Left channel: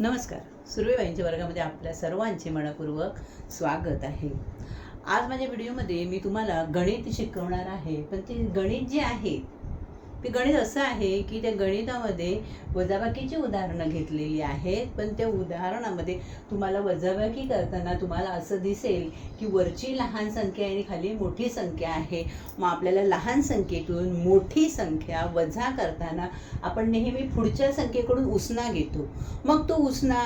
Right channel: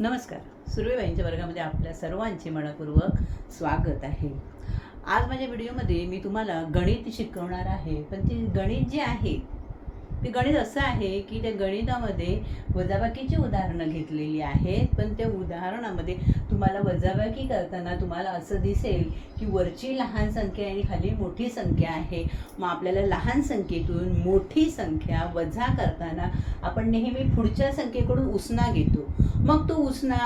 नमस्कार. सुर्वेबाईंच्या वर्गामध्ये आपल्या सर्वांचे मनपूर्वक स्वागत आहे. आज माझ्या व्हिडिओमध्ये मी तुम्हाला गणित शिकवणार आहे. पण ते गणित जे आहे ते गणित असं आहे की त्या गणितामध्ये वजाबाकीची उदाहरणं घेतलेली आहेत पण त्या उदाहरणामध्ये तुम्हाला वजाबाकी करताना तुम्हाला असं दिसेल की वरची लहान संख्या आणि खाली मोठी संख्या आहे. मग आपल्याला लहान संख्येतून मोठी संख्या वजा करताना आपण नेहमी पुढच्या संख्येकडून उसना घेतो. मग तो उसना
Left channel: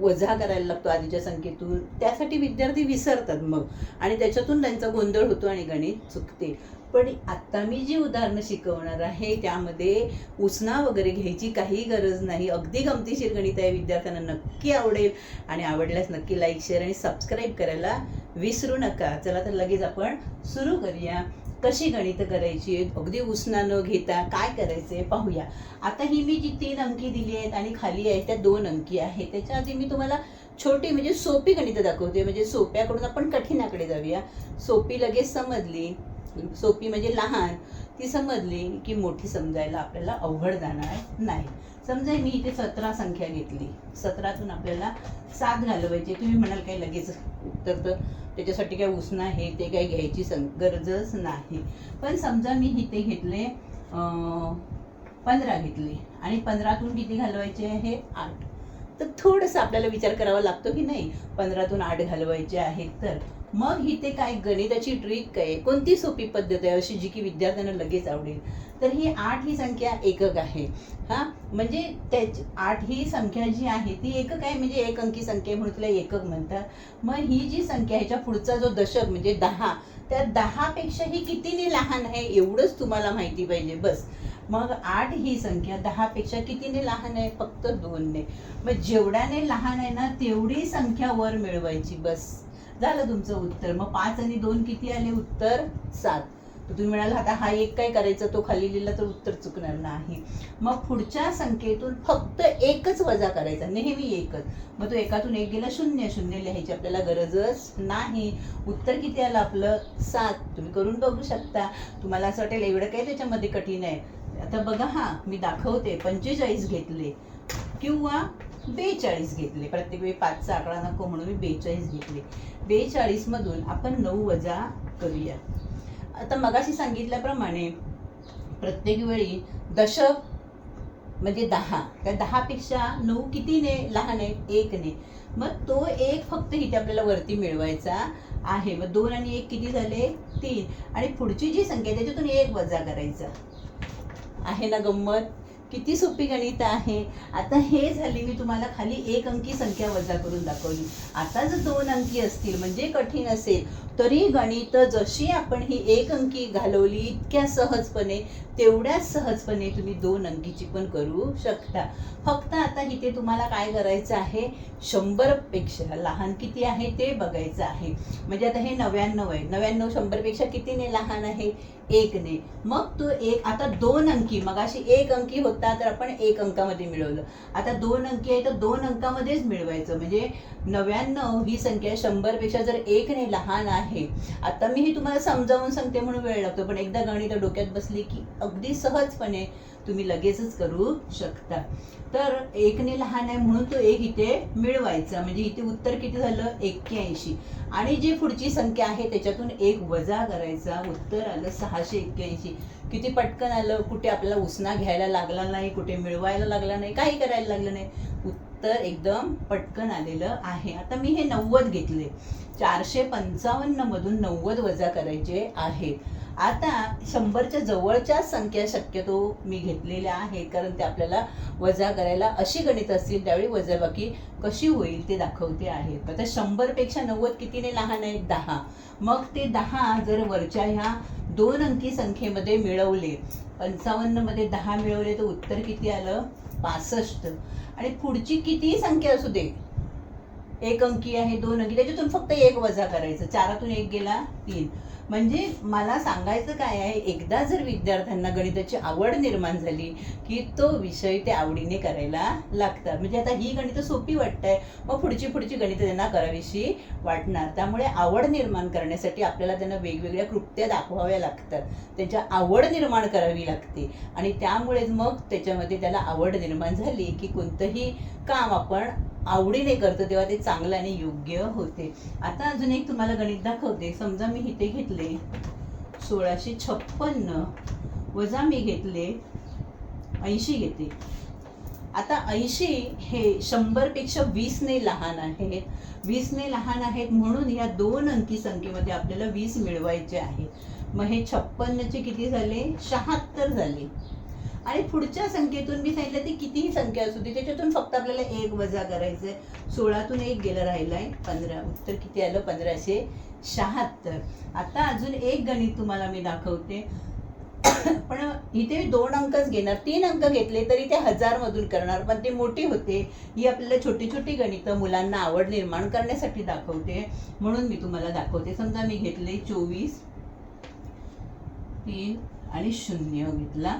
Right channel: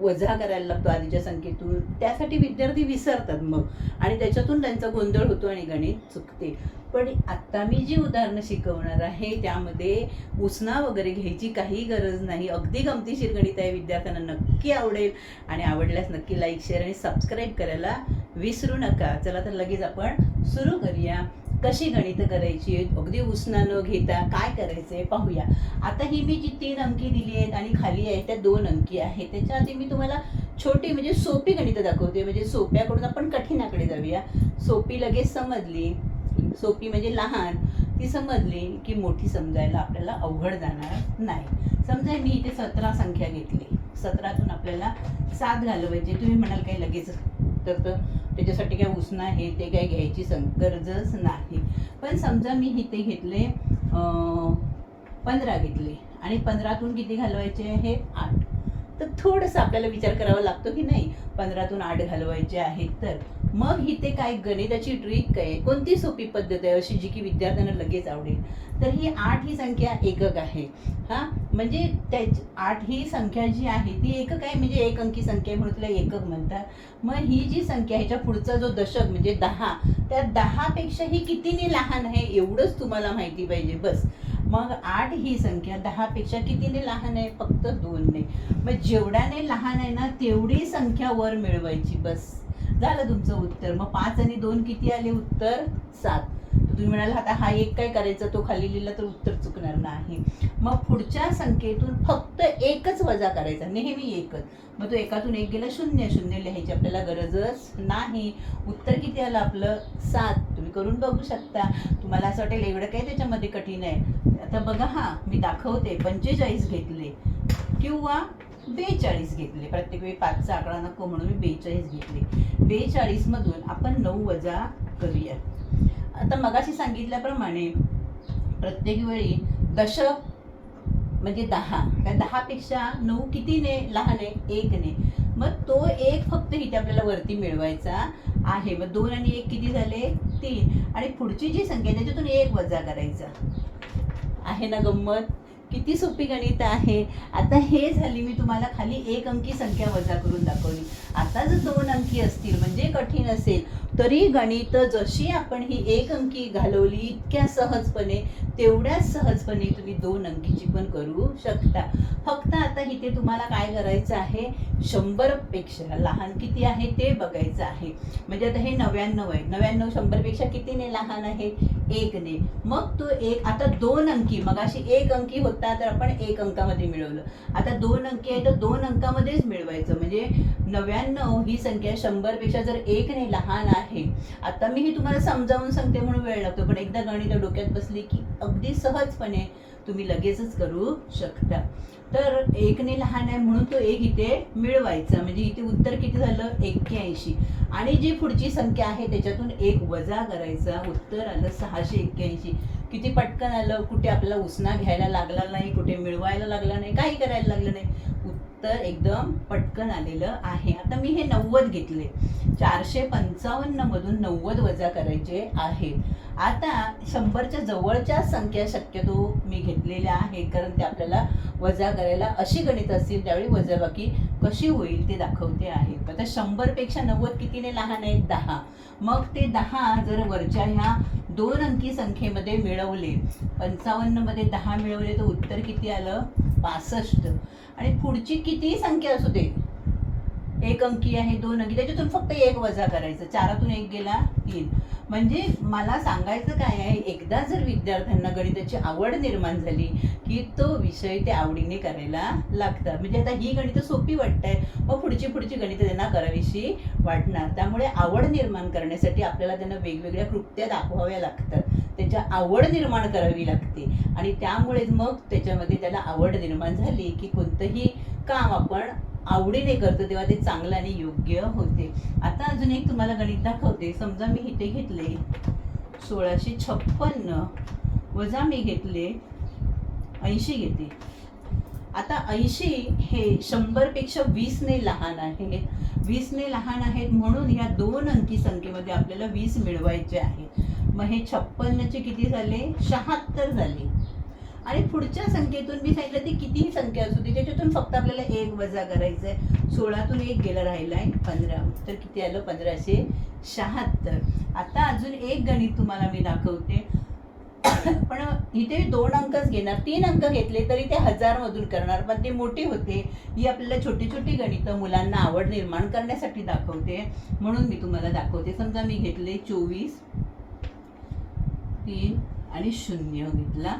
वजा करायला लागतो आधीच्या संख्येतून त्यासाठी विद्यार्थी विसरतात मग. आणि त्याच्यातून त्यांचा गोंधळ होतो आणि गणित चुकते. पण आत्ता मी जी उदाहरणं शिकवणार आहे त्यामध्ये उसना वगैरे घ्यायची काही गरज नाही. अगदी गमतीशीर गणित आहे विद्यार्थ्यांना नक्की आवडेल. आणि आवडल्यास नक्की लाईक शेअर आणि सबस्क्राईब करायला विसरू नका. चला तर लगेच आपण सुरू करूया. कशी गणितं करायची आहेत अगदी उसना न घेता काय करायचं आहे पाहूया. आता ही मी जी तीन अंकी दिली आहेत आणि खाली आहे त्या दोन अंकी आहेत त्याच्या आधी मी तुम्हाला छोटी म्हणजे सोपी गणितं दाखवते. म्हणजे सोप्याकडून आपण कठीणाकडे जाऊया. सोपी लगेच समजली. सोपी म्हणजे लहान. ती समजली की मोठी समजायला आपल्याला अवघड जाणार नाही. समजा मी इथे सतरा संख्या घेतली. सतरातून आपल्याला सात घालवायचे. तुम्ही म्हणाल काही लगेच तर त्याच्यासाठी काय उसना आहे ते काही घ्यायची सं गरजच नाही. पण समजा मी इथे घेतले पंधरा घेतले आणि पंधरातून किती घालवायचे आहे? आठ. तर थोडंसं आपल्याला विचार करावा लागतो की नाही पंधरातून आठ घालवायचे आहेत तर. मग इथे काय गणिताची ट्रिक काय? कोणती सोपी पद्धत आहे अशी जी की विद्यार्थ्यांना लगेच आवडेल? तर ही आठ ही संख्या एकक आहे. हा? म्हणजे त्या आठ ही संख्या जी आहे ती एकक आहे म्हणजे एक अंकी संख्या म्हणून तिला एकक म्हणतात. मग ही जी संख्या ह्याच्या पुढचा जो दशक म्हणजे दहा त्या दहापेक्षा ही कितीने लहान आहे? एवढंच तुम्हाला माहिती पाहिजे बस. मग आठ ही संख्या दहापेक्षा कितीने लहान आहे? फक्त दोनने. मग जेवढ्याने लहान आहे ना तेवढी संख्या वर मिळवायची बस. झालं तुमचं उत्तर. मग पाच आणि दोन किती आले? उत्तर सात. तर तुम्ही म्हणाल आता हा एक काय करायचा? तो खाली लिहिला तर उत्तर चुकणार नाही. मग पुढच्या संख्येतून फक्त एकच वजा करायचा. नेहमी एकच. मग तो एकातून एक गेला शून्य शून्य लिहायची आपल्याला गरजच नाही. उत्तर किती आलं आपलं? सात. तुम्ही करून बघू शकता. तुम्हाला असं वाटेल एवढं काय त्याच्यामध्ये कठीण आहे? आता बघा हा मी दाखवते. पंचेचाळीस घेतले. किंवा बेचाळीस घेतले. प्रत्येक वेळी पाचचा आकडा नको म्हणून मी बेचाळीस घेतले. बेचाळीसमधून आपण नऊ वजा करूया. आता मगाशी सांगितल्याप्रमाणे प्रत्येक वेळी दशक म्हणजे दहा. त्या दहापेक्षा नऊ कितीने? लहान आहे? एकने. मग तो एक फक्त इथे आपल्याला वरती मिळवायचा आहे. मग दोन आणि एक किती झाले? तीन. आणि पुढची जी संख्या त्याच्यातून एक वजा करायचा. आहे ना गंमत? किती सोपी गणित आहे? आता हे झाली मी तुम्हाला खाली एक अंकी संख्या वजा करून दाखवली. आता जर दोन अंकी असतील म्हणजे कठीण असेल तरी गणित जशी आपण ही एक अंकी घालवली इतक्या सहजपणे तेवढ्याच सहजपणे तुम्ही दोन अंकीची पण करू शकता. फक्त आता इथे तुम्हाला काय करायचं आहे? शंभरपेक्षा लहान किती आहे ते बघायचं आहे. म्हणजे आता हे नव्याण्णव आहे. नव्याण्णव शंभरपेक्षा कितीने लहान आहे? एकने. मग तू एक आता दोन अंकी मग अशी एक अंकी होती तर आपण एक अंकामध्ये मिळवलं. आता दोन अंकी आहे तर दोन अंकामध्येच मिळवायचं. म्हणजे नव्याण्णव ही संख्या शंभरपेक्षा जर एकने लहान आहे. आता मी ही तुम्हाला समजावून सांगते म्हणून वेळ लागतो पण एकदा गणित डोक्यात बसली की अगदी सहजपणे तुम्ही लगेचच करू शकता. तर एकने लहान आहे म्हणून तो एक इथे मिळवायचा. म्हणजे इथे उत्तर किती झालं? एक्क्याऐंशी. आणि जी पुढची संख्या आहे त्याच्यातून एक वजा करायचा. उत्तर आलं सहाशे एक्क्याऐंशी. किती पटकन आलं? कुठे आपल्याला उसना घ्यायला लागला नाही कुठे मिळवायला लागला नाही काही करायला लागलं नाही. उत्तर एकदम पटकन आलेलं आहे. आता मी हे नव्वद घेतले. चारशे पंचावन्न मधून नव्वद वजा करायचे आहे. आता शंभरच्या जवळच्या संख्या शक्यतो मी घेतलेल्या आहे कारण ते आपल्याला वजा करायला अशी गणित असतील त्यावेळी वजाबाकी कशी होईल ते दाखवते आहे. आता शंभरपेक्षा नव्वद कितीने लहान आहे? दहा. मग ते दहा जर वरच्या ह्या दोन अंकी संख्येमध्ये मिळवले पंचावन्नमध्ये दहा मिळवले तर उत्तर किती आलं? पासष्ट. आणि पुढची कितीही संख्या असू दे एक अंकी आहे दोन अंकी त्याच्यातून फक्त एक वजा करायचं. चारातून एक गेला तीन. म्हणजे मला सांगायचं काय आहे एकदा जर विद्यार्थ्यांना गणिताची आवड निर्माण झाली की तो विषय ते आवडीने करायला लागतात. म्हणजे आता ही गणितं सोपी वाटतंय मग पुढची पुढची गणितं त्यांना करावीशी वाटणार. त्यामुळे आवड निर्माण करण्यासाठी आपल्याला त्यांना वेगवेगळ्या कृत्या दाखवाव्या लागतात. त्यांच्या आवड निर्माण करावी लागते. आणि त्यामुळेच मग त्याच्यामध्ये त्याला आवड निर्माण झाली की कोणतंही काम आपण आवडीने करतो तेव्हा ते चांगलं आणि योग्य होते. आता अजून एक तुम्हाला गणित दाखवते. समजा मी इथे घेतले सोळाशे छप्पन्न वजा मी घेतले ऐंशी घेते. आता ऐंशी हे शंभरपेक्षा वीसने लहान आहे. वीसने लहान आहेत म्हणून या दोन अंकी संख्येमध्ये आपल्याला वीस मिळवायचे आहे. मग हे छप्पन्नचे किती झाले? शहात्तर झाले. आणि पुढच्या संख्येतून मी सांगितलं ती कितीही संख्या असू दे त्याच्यातून फक्त आपल्याला एक वजा करायचं आहे सोळातून एक गेलं राहिलाय पंधरा. उत्तर किती आलं? पंधराशे शहात्तर. आता अजून एक गणित तुम्हाला मी दाखवते. पण इथे दोन अंकच घेणार. तीन अंक घेतले तरी ते हजार मधून करणार पण ते मोठे होते. ही आपल्याला छोटी छोटी गणितं मुलांना आवड निर्माण करण्यासाठी दाखवते. म्हणून मी तुम्हाला दाखवते. समजा मी घेतले चोवीस तीन आणि शून्य घेतला.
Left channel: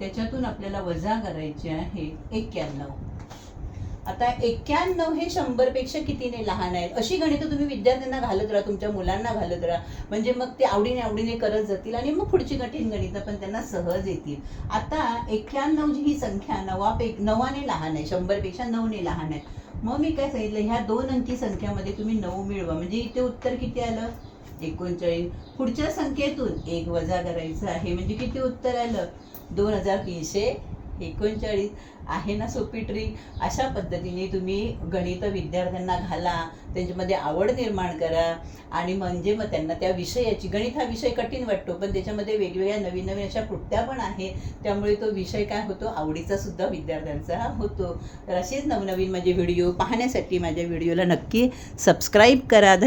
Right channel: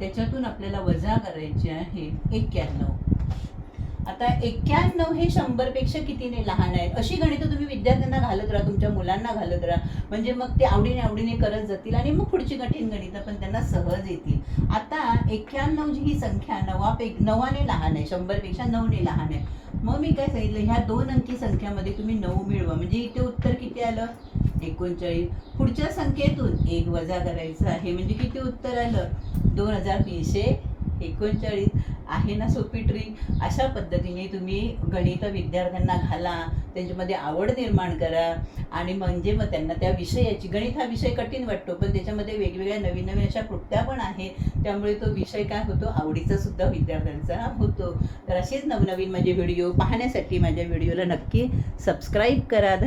त्याच्यातून आपल्याला वजा करायचे आहे एक्क्याण्णव. आता एक्क्याण्णव हे शंभरपेक्षा कितीने लहान आहेत? अशी गणितं तुम्ही विद्यार्थ्यांना घालत राहा तुमच्या मुलांना घालत राहा. म्हणजे मग ते आवडीने आवडीने करत जातील आणि मग पुढची कठीण गणितं पण त्यांना सहज येतील. आता एक्क्याण्णव जी ही संख्या नवापैकी नवाने लहान आहे शंभरपेक्षा नऊने लहान आहे. मग मी काय सांगितलं ह्या दोन अंकी संख्यामध्ये तुम्ही नऊ मिळवा. म्हणजे इथे उत्तर किती आलं? एकोणचाळीस. पुढच्या संख्येतून एक वजा करायचं आहे. म्हणजे किती उत्तर आलं? दोन हजार तीनशे एकोणचाळीस आहे ना सोपी ट्रिक? अशा पद्धतीने तुम्ही गणित विद्यार्थ्यांना घाला त्यांच्यामध्ये आवड निर्माण करा आणि म्हणजे मग त्यांना त्या विषयाची गणित हा विषय कठीण वाटतो पण त्याच्यामध्ये वेगवेगळ्या नवीन नवीन अशा कृत्या पण आहेत. त्यामुळे तो विषय काय होतो? आवडीचा सुद्धा विद्यार्थ्यांचा होतो. तर असेच नवनवीन माझे व्हिडिओ पाहण्यासाठी माझ्या व्हिडिओला नक्की सबस्क्राईब करा.